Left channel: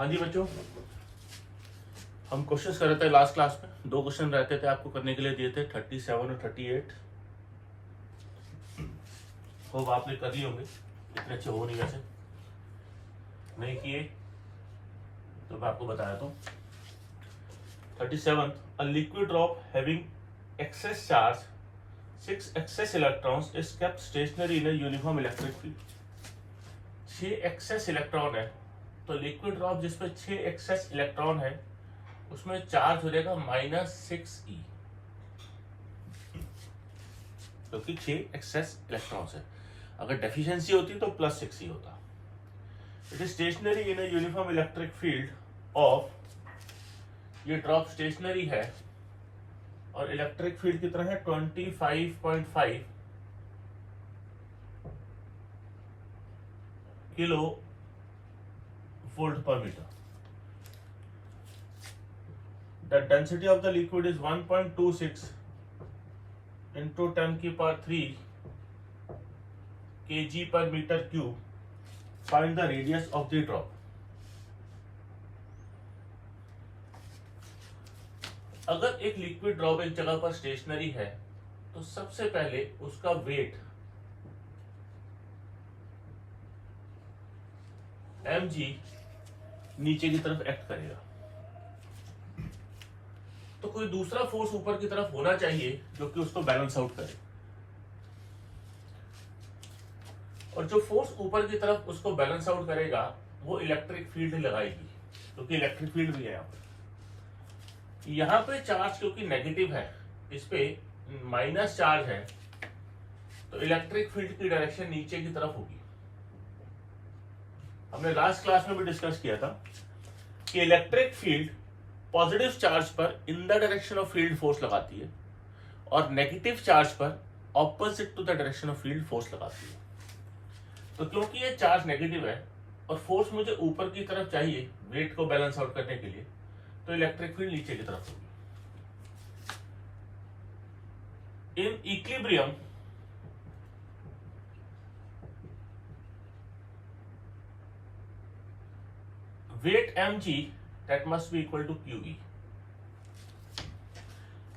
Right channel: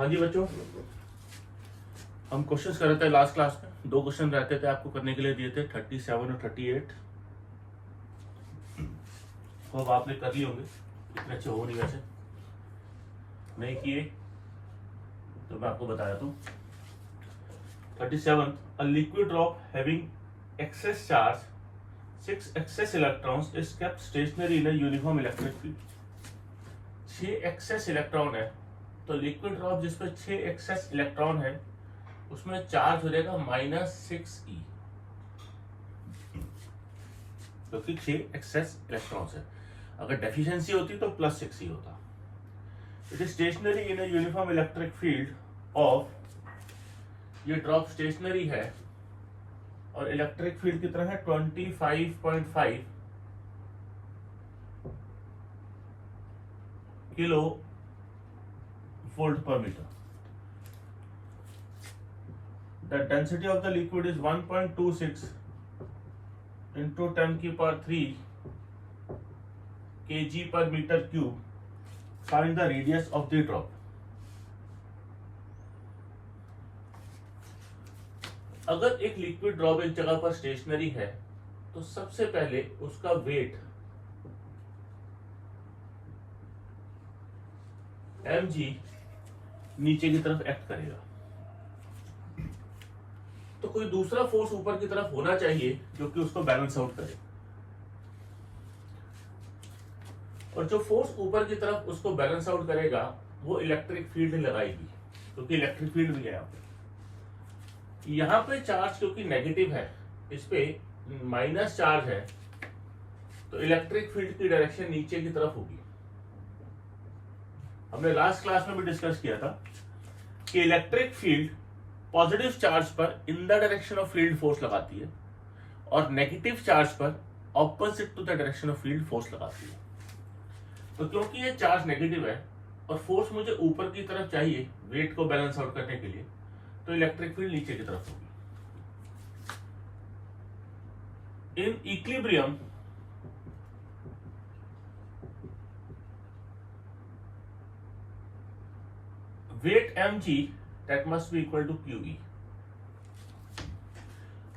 हाँ जी बच्चों, हम क्वेश्चंस कर रहे थे लास्ट क्लास में। दो क्वेश्चन रहते थे आपको करने के लिए दिए थे, 37 और 38। होप आपने कर लिए होंगे, इतने अच्छे हो नहीं वैसे। नहीं किए तो मैं आपको बता देता हूँ। 37, a liquid drop having excess charge 6 excess electrons is kept stationary in a uniform electric field। 6 excess electron है, तो लिक्विड ड्रॉप जिसपे 6 एक्सेस इलेक्ट्रॉन है उसमें चार्ज हो जाएगा -6e, क्योंकि 6 एक्सेस इलेक्ट्रॉन्स है। अगर डेफिशिएंसी होती तो +6e होता। It is stationary in a uniform electric field of, ये ड्रॉप स्टेशनरी है और इलेक्ट्रिक फील्ड कितना है 25.5 kilo volt per metre. The density of the liquid is 1.26 into 10⁻³ kg per meter cube। Find the radius of the drop। अगर एक liquid drop एक जगह पर स्टेशनरी है तो सबसे पहले उसका वेट mg नीचे की तरफ एक्ट करेगा, तो कोई दूसरा फोर्स ऊपर की तरफ होना चाहिए जो कि उसको बैलेंस आउट करे। और जो फोर्स ऊपर की तरफ उसको बैलेंस आउट करेगा वो इलेक्ट्रिक फील्ड लगाएगी, क्योंकि इलेक्ट्रिक फील्ड भी है यहाँ पे चार्ज क्योंकि नेगेटिव है, इस पे माइनस चार्ज है, तो इलेक्ट्रिक फील्ड की डायरेक्शन नीचे की तरफ होगी। हमने लास्ट क्लास में भी डिस्कस किया था कि इलेक्ट्रिक फील्ड पॉजिटिव चार्ज पर in the direction of field force लगाती है और नेगेटिव चार्ज पर opposite to the direction of field force लगाती है। तो क्योंकि ये चार्ज नेगेटिव है और फोर्स मुझे ऊपर की तरफ चाहिए वेट को बैलेंस आउट करने के लिए, तो इलेक्ट्रिक फील्ड नीचे की तरफ होगी। In equilibrium weight mg that must be equal to QE।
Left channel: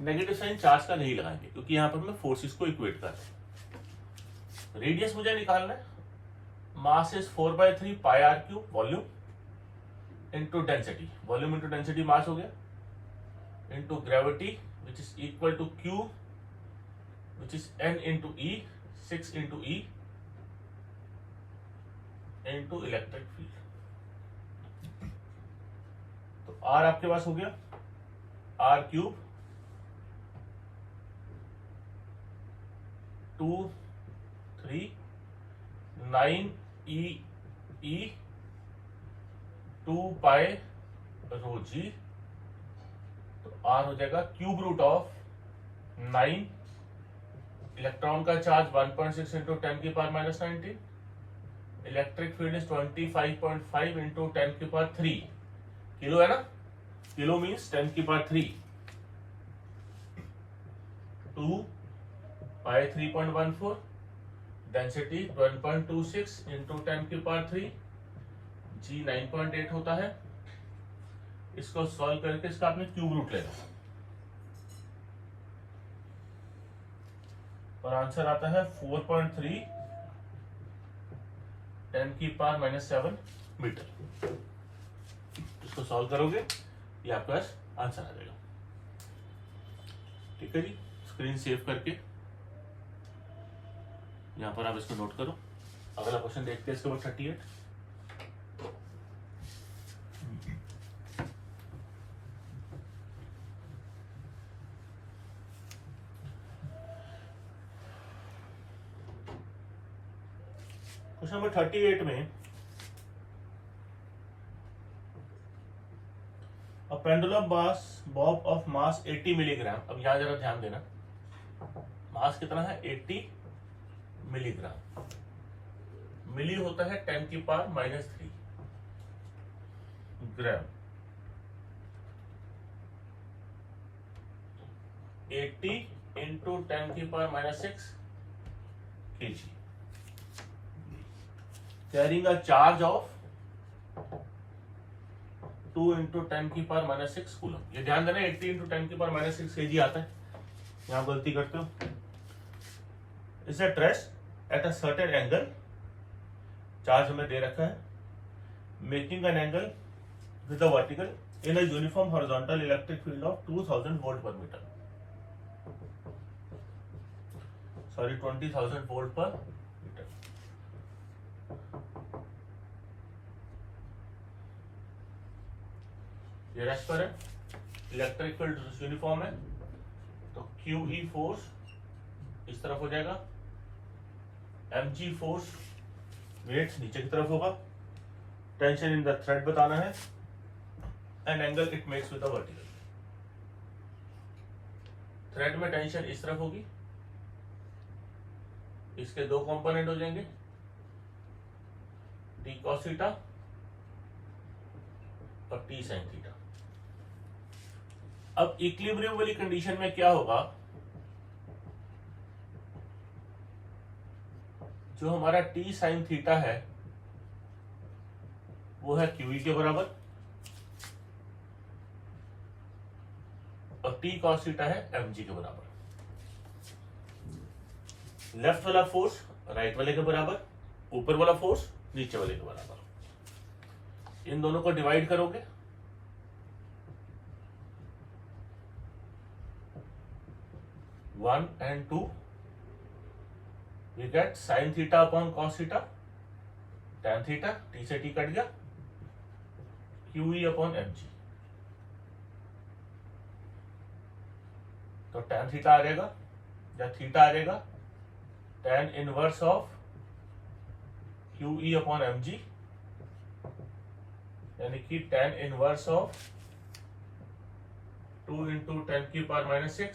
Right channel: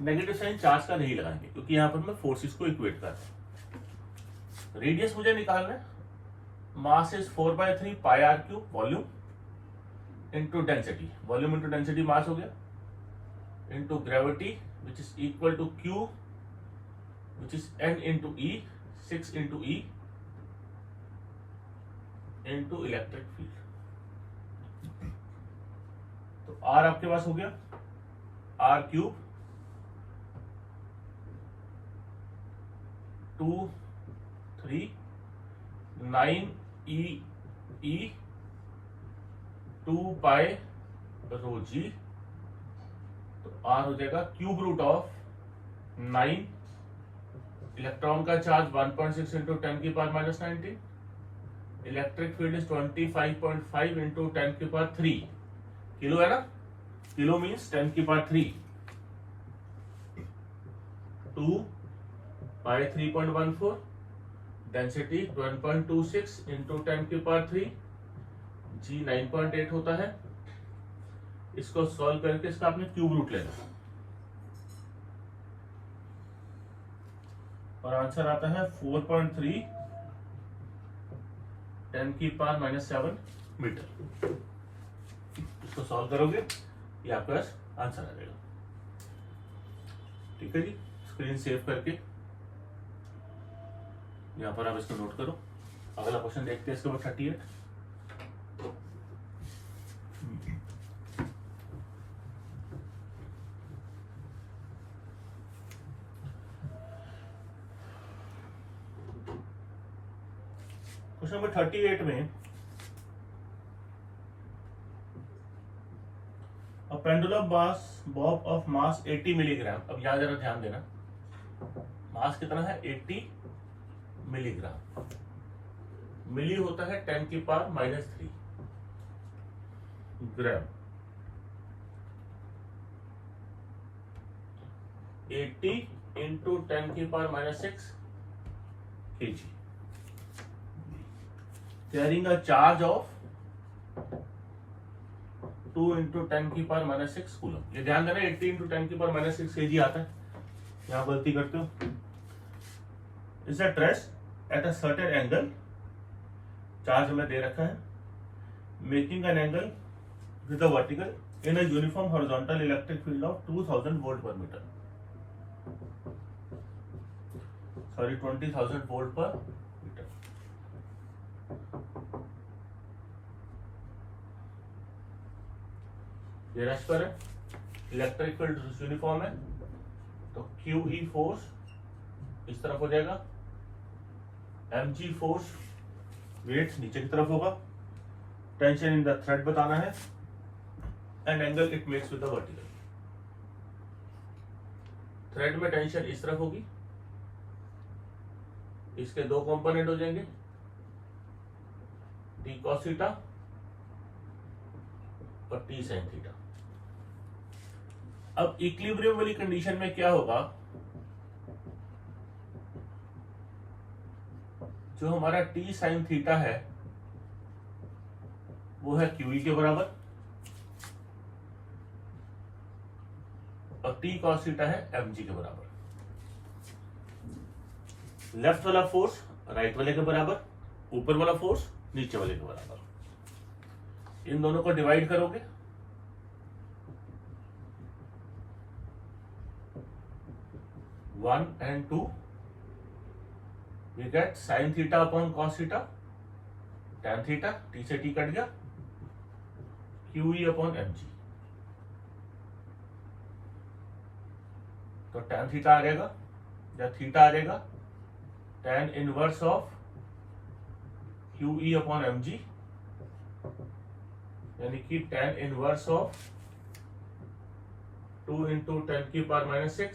Negative sign charge का नहीं लगाएंगे क्योंकि यहां पर मैं फोर्सेस को इक्वेट कर रहा हूं। रेडियस मुझे निकालना है, mass is 4/3 πr³ volume into density, volume into density mass हो गया, into gravity which is equal to Q which is n into E, 6 into E into electric field. तो R आपके पास हो गया R³ 2 3 9 E 2 पाई रो जी। तो R हो जाएगा cube root of 9, electron का charge 1.6 into 10⁻⁻19, electric field is 25.5 into 10⁻³ kilo है ना, किलो मीन्स 10⁻³ 2 पाई 3.14, डेंसिटी 1.26 इंटू 10⁻³ जी 9.8 होता है। इसको सॉल्व करके इसका आपने क्यूब रूट लेना और आंसर आता है 4.3 10⁻⁻7 मीटर। इसको सॉल्व करोगे ये आपका आंसर आ जाएगा। ठीक है जी, स्क्रीन सेव करके यहां पर आप इसको नोट करो। अगला क्वेश्चन देखते हैं इसके बाद 38। क्वेश्चन नंबर 38 में a pendulum bob of mass 80 milligram. अब यहां जरा ध्यान देना, मास कितना है 80 मिलीग्राम, मिली होता है 10⁻³ ग्राम, 80 into 10⁻⁻6 kg, carrying a charge of 2 into 10⁻⁻⁶ coulomb. ये ध्यान देना 80 इंटू 10⁻⁻⁶ kg आता है, यहाँ गलती करते हो। Is a trace at a certain angle, charge हमें दे रखा है, making an angle with the vertical in a uniform horizontal electric field of 2000 volt per metre, sorry 20,000 volt per metre. ये रेस्ट पर है, इलेक्ट्रिक फील्ड यूनिफॉर्म है, तो QE force इस तरफ हो जाएगा, mg फोर्स वेट नीचे की तरफ होगा, टेंशन इन द थ्रेड बताना है, and angle it makes with the vertical. Thread में टेंशन इस तरफ होगी, इसके दो कंपोनेंट हो जाएंगे, T cos थीटा और T sin थीटा। अब इक्विलिब्रियम वाली कंडीशन में क्या होगा, जो हमारा T sin थीटा है वो है QE के बराबर, और T cos थीटा है mg के बराबर। लेफ्ट वाला फोर्स राइट वाले के बराबर, ऊपर वाला फोर्स नीचे वाले के बराबर। इन दोनों को डिवाइड करोगे, one and two, we get sine theta upon cos theta, tan theta, T से टी कट गया, QE अपॉन mg। तो टैन थीटा आ जाएगा या थीटा आ जाएगा टैन इनवर्स ऑफ QE अपॉन mg, यानी कि tan inverse of 2 into 10⁻⁻⁶,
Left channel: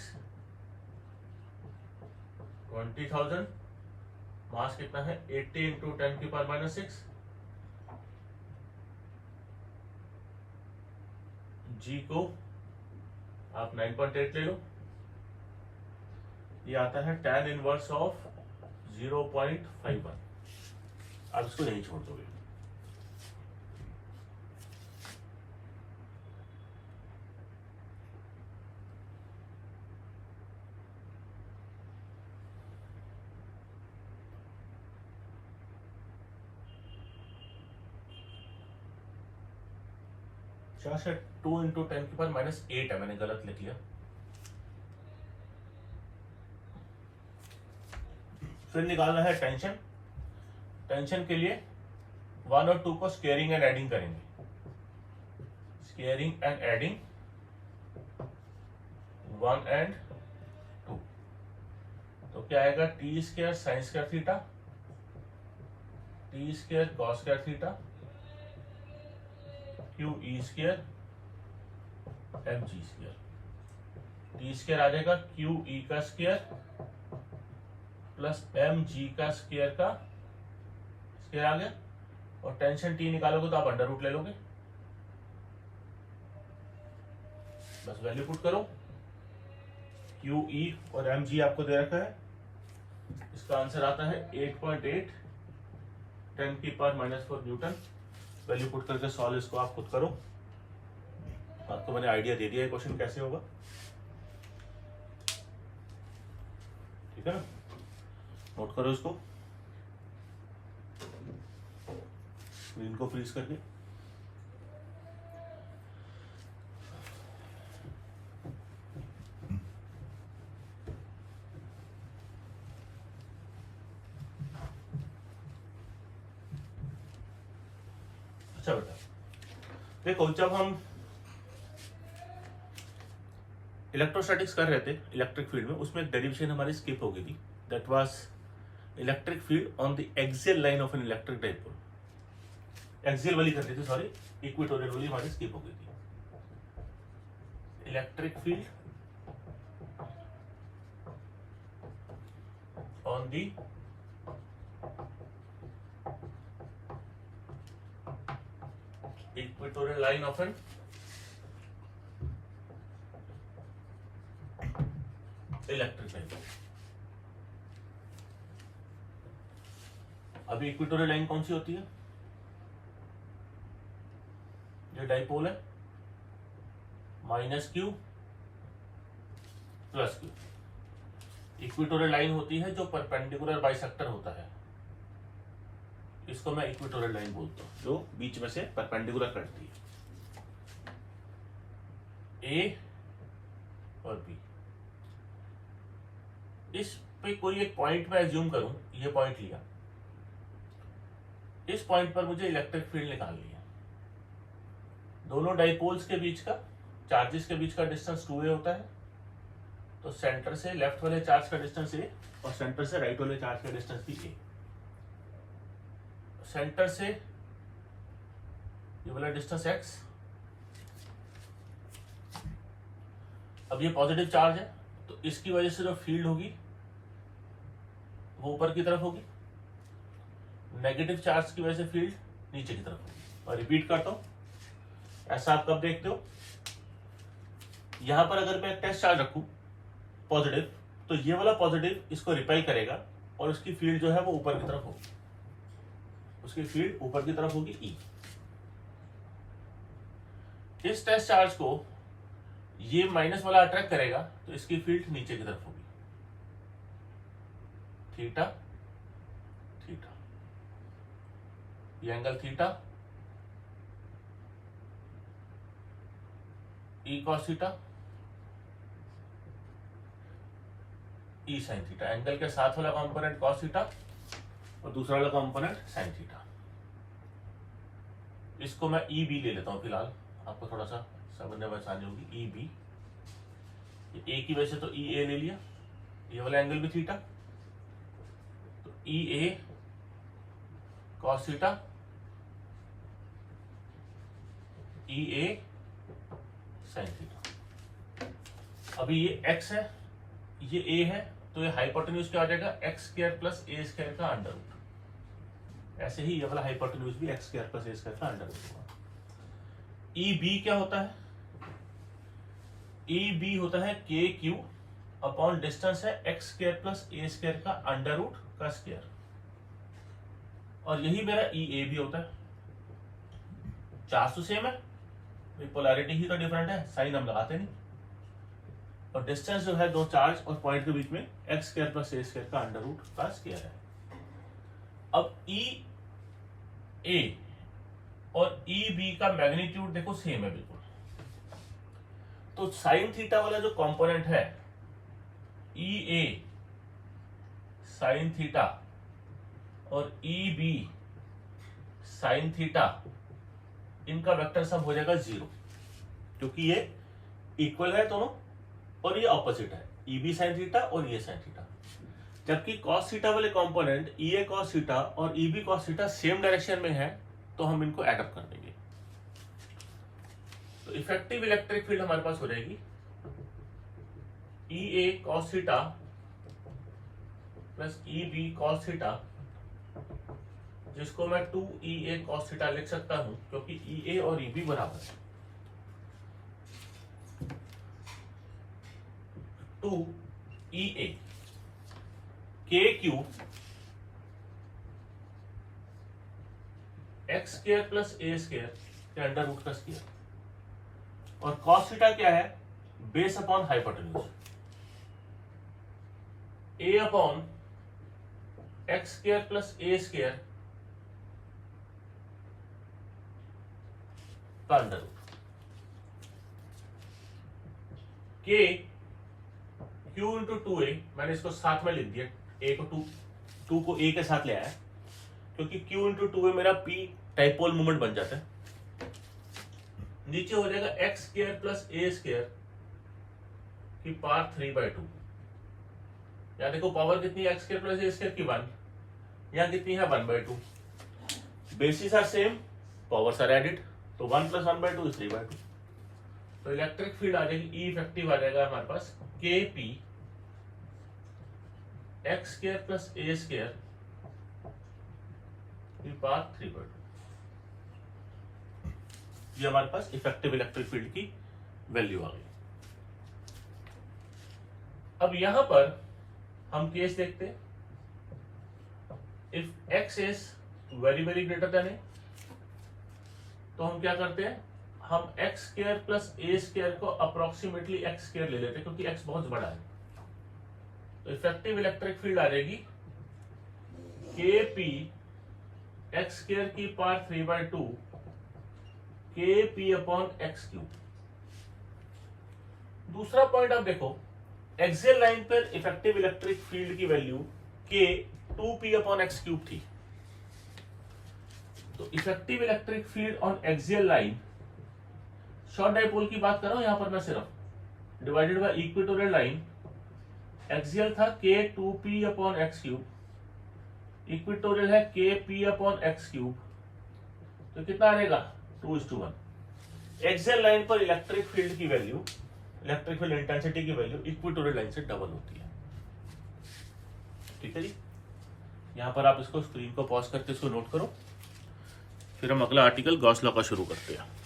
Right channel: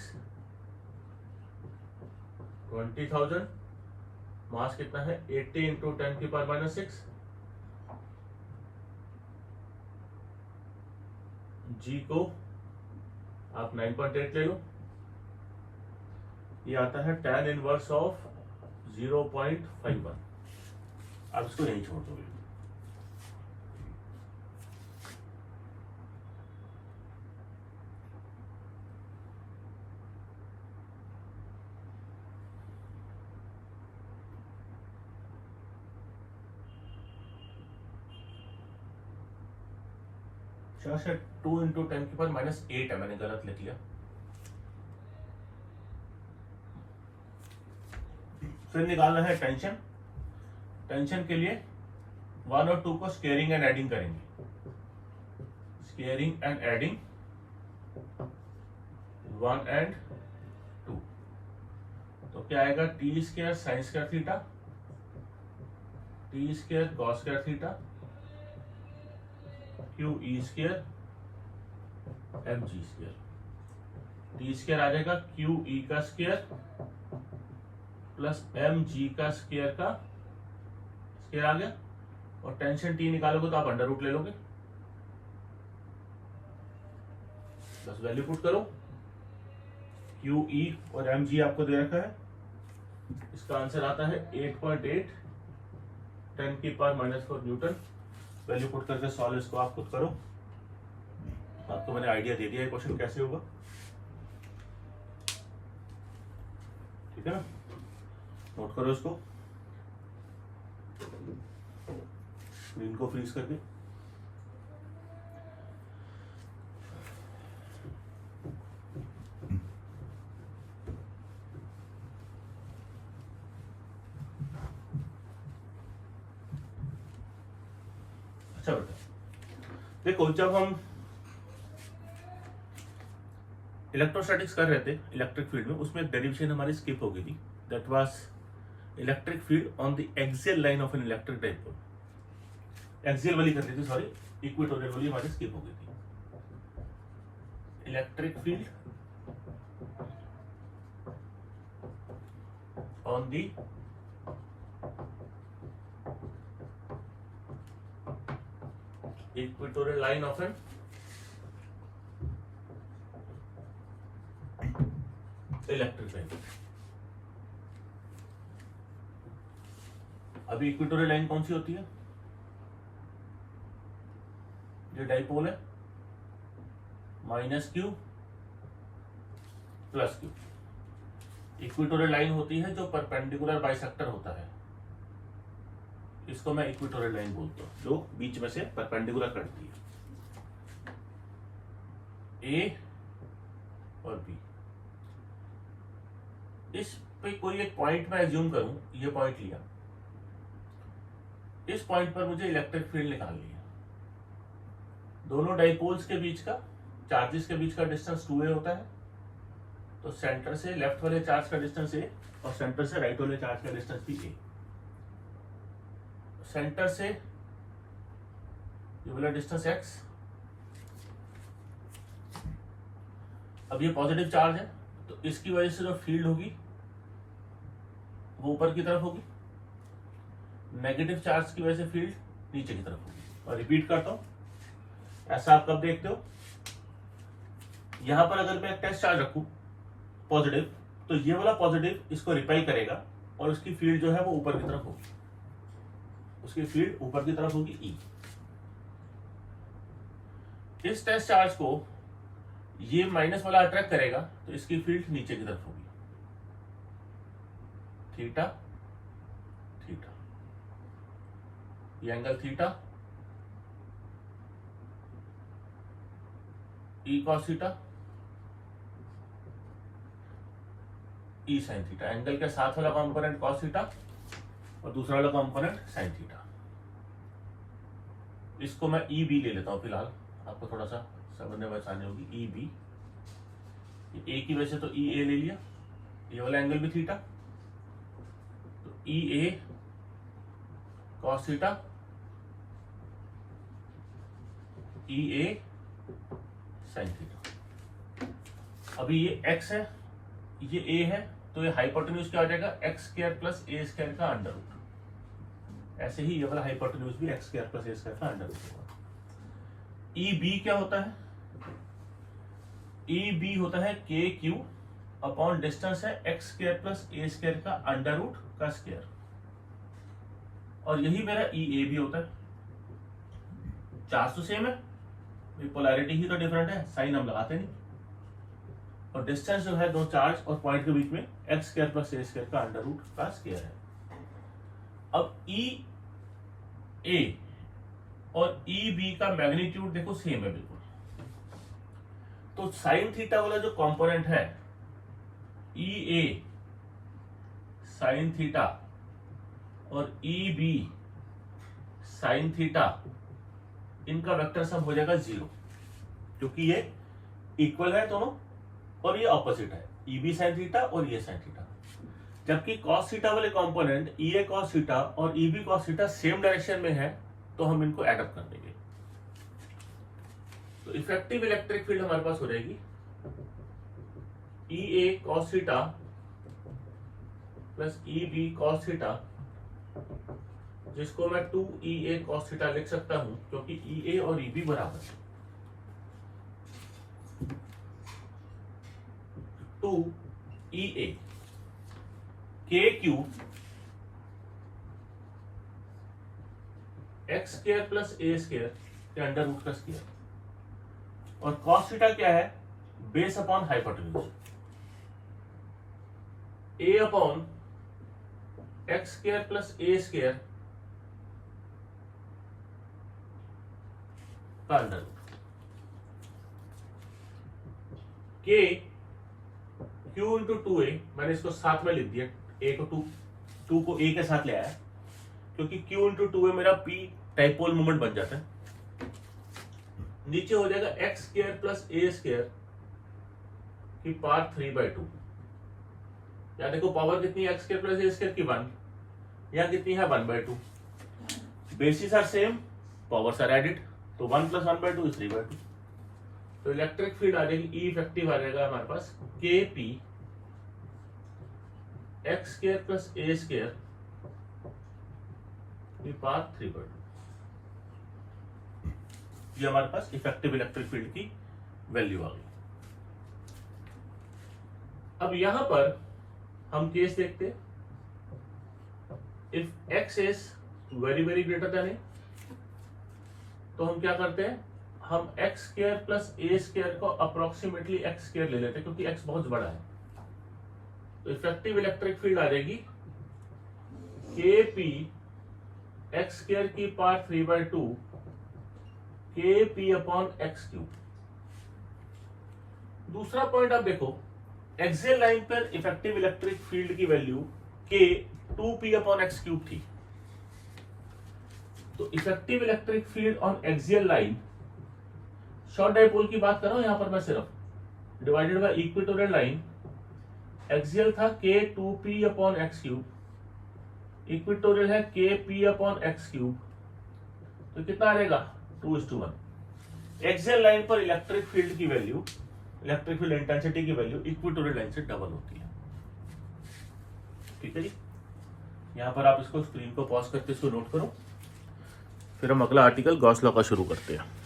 20,000, mass कितना है 80 इंटू 10⁻⁻⁶, g को आप 9.8 ले लो, ये आता है टैन इनवर्स ऑफ 0.51। आप इसको नहीं छोड़ दोगे। शायद 2 इंटू 10⁻⁸ है, मैंने गलत लिख लिया। फिर निकालना है टेंशन। टेंशन के लिए 1 और 2 को स्केयरिंग एंड एडिंग करेंगे, स्केयरिंग एंड एडिंग 1 एंड 2, तो क्या आएगा T square sine square theta, T square cos square theta, QE square mg स्क्वायर। टी स्क्वायर आ जाएगा QE का स्क्वायर प्लस mg का स्क्वायर का स्क्वायर आ गया, और टेंशन T निकालोगे तो आप अंडर रूट ले लोगे, बस वैल्यू पुट करो। QE और mg आपको दे रखा है, इसका आंसर आता है 8.8 10⁻⁻⁴ न्यूटन। वैल्यू पुट करके सॉल्व इसको आप खुद करो, आपको मैंने आइडिया दे दिया है क्वेश्चन कैसे होगा, ठीक है ना। नोट करो इसको, स्क्रीन को फ्रीज करके। अच्छा बेटा देखो, जब हम इलेक्ट्रोस्टैटिक्स कर रहे थे इलेक्ट्रिक फील्ड में, उसमें एक डेरिवेशन हमारी स्किप हो गई थी, that was electric field on the axial line of an electric dipole. Axial वाली कर रही थी, सॉरी इक्वेटोरियल वाली हमारी स्किप हो गई थी। Electric field on the equatorial line of an electric dipole. अभी इक्वेटोरियल लाइन कौन सी होती है, ये डाइपोल है, minus Q plus Q. Equatorial line होती है जो परपेंडिकुलर बाइसेक्टर होता है, इसको मैं इक्वेटोरियल लाइन बोलता हूं, जो बीच में से परपेंडिकुलर कटती है। ए और बी, इस पे कोई एक पॉइंट मैं एज्यूम करूं, ये पॉइंट लिया, इस पॉइंट पर मुझे इलेक्ट्रिक फील्ड निकालनी है। दोनों डाइपोल्स के बीच का, चार्जेस के बीच का डिस्टेंस 2a होता है, तो सेंटर से लेफ्ट वाले चार्ज का डिस्टेंस a और सेंटर से राइट वाले चार्ज का डिस्टेंस भी a। सेंटर से ये वाला डिस्टेंस x। अब ये पॉजिटिव चार्ज है, तो इसकी वजह से जो फील्ड होगी वो ऊपर की तरफ होगी, नेगेटिव चार्ज की वजह से फील्ड नीचे की तरफ होगी। और रिपीट करता हूं, ऐसा आप कब देखते हो, यहां पर अगर मैं एक टेस्ट चार्ज रखूं पॉजिटिव, तो ये वाला पॉजिटिव इसको रिपेल करेगा और उसकी फील्ड जो है वो ऊपर की तरफ होगी, उसकी फील्ड ऊपर की तरफ होगी E। इस टेस्ट चार्ज को ये माइनस वाला अट्रैक्ट करेगा, तो इसकी फील्ड नीचे की तरफ होगी, थीटा थीटा, ये angle theta, E cos theta, E sin theta. Angle के साथ वाला कंपोनेंट cos थीटा और दूसरा वाला कंपोनेंट sin थीटा। इसको मैं ई बी ले लेता हूं फिलहाल, आपको थोड़ा सा समझने में आसानी होगी। ई बी, ए की वजह से तो ई ए ले लिया, ये वाला एंगल भी थीटा, तो ई A cos theta, E A sine theta. अभी ये एक्स है, ये ए है, तो ये हाइपोटेन्यूज क्या हो जाएगा, एक्स स्क्वायर प्लस ए स्क्वायर का अंडर रूट। ऐसे ही ये वाला हाइपोटेन्यूज भी एक्स स्क्वायर प्लस ए स्क्वायर का अंडर रूट होगा। ई बी क्या होता है, ई बी होता है के क्यू अपॉन डिस्टेंस है एक्स स्क्वायर प्लस ए स्क्वायर का अंडर रूट का स्क्वायर, और यही मेरा ई ए भी होता है। चार्ज तो सेम है, पोलैरिटी ही तो डिफरेंट है, साइन हम लगाते नहीं, और डिस्टेंस जो है दो चार्ज और पॉइंट के बीच में एक्स स्क्वायर प्लस ए स्क्वायर का अंडर रूट का स्क्वायर है। अब ई ए और ई बी का मैग्नीट्यूड देखो सेम है बिल्कुल, तो साइन थीटा वाला जो कंपोनेंट है ई ए साइन थीटा और ई बी साइन थीटा, इनका वेक्टर सम हो जाएगा 0, क्योंकि ये इक्वल है दोनों और ये ऑपोजिट है, ई बी साइन थीटा और ये साइन थीटा। जबकि कॉस थीटा वाले component E A cos theta और E B cos theta same direction में है, तो हम इनको एड अप कर देंगे, तो इफेक्टिव इलेक्ट्रिक फील्ड हमारे पास हो जाएगी E A cos theta plus E B cos theta, जिसको मैं 2EA cos थीटा लिख सकता हूं, क्योंकि EA और EB बराबर है। 2EA KQ x square plus ए स्क्वायर के अंडर रूट का स्क्वायर, और cos थीटा क्या है, base upon hypotenuse, A upon X square plus A square का under root, K Q into 2a, मैंने इसको साथ में लिख दिया, ए को टू को ए के साथ ले आया, क्योंकि क्यू इंटू 2a मेरा पी डाइपोल मोमेंट बन जाता है। नीचे हो जाएगा एक्स स्क्वायर प्लस ए स्क्वायर की पावर 3/2। यहाँ देखो पावर कितनी है, एक्स स्क्वायर प्लस ए स्क्वायर की 1, यहाँ कितनी है 1/2। Basis are same, powers are added, तो 1 + 1/2 इज 3/2। तो इलेक्ट्रिक फील्ड आ जाएगी, ई इफेक्टिव आ जाएगा हमारे पास के पी एक्स स्क्वायर प्लस ए स्क्वायर की पावर 3/2। ये हमारे पास इफेक्टिव इलेक्ट्रिक फील्ड की वैल्यू आ गई। अब यहां पर हम केस देखते, if x is very very greater than a, तो हम क्या करते हैं, हम एक्स स्क्वायर प्लस ए स्क्वायर को अप्रोक्सीमेटली एक्स स्क्वायर ले लेते हैं क्योंकि एक्स बहुत बड़ा है। तो इफेक्टिव इलेक्ट्रिक फील्ड आ जाएगी के पी एक्स स्क्वायर की पावर 3/2 के पी अपॉन एक्स क्यूब। दूसरा पॉइंट आप देखो, एक्सियल लाइन पर इफेक्टिव इलेक्ट्रिक फील्ड की वैल्यू के 2p अपॉन एक्स क्यूब थी। तो effective electric field on axial line, short dipole की बात कर रहा हूं यहां पर मैं सिर्फ, divided by equatorial line, axial था के 2p upon x cube, equatorial है के p अपॉन एक्स क्यूब, तो कितना आ जाएगा 2:1। एक्सियल लाइन पर इलेक्ट्रिक फील्ड की वैल्यू, इलेक्ट्रिक फील्ड इंटेंसिटी की वैल्यू इक्वेटोरियल लाइन से डबल होती है। ठीक है जी, यहां पर आप इसको स्क्रीन को पॉज करके इसको नोट करो, फिर हम अगला आर्टिकल गॉस लॉ का शुरू करते हैं।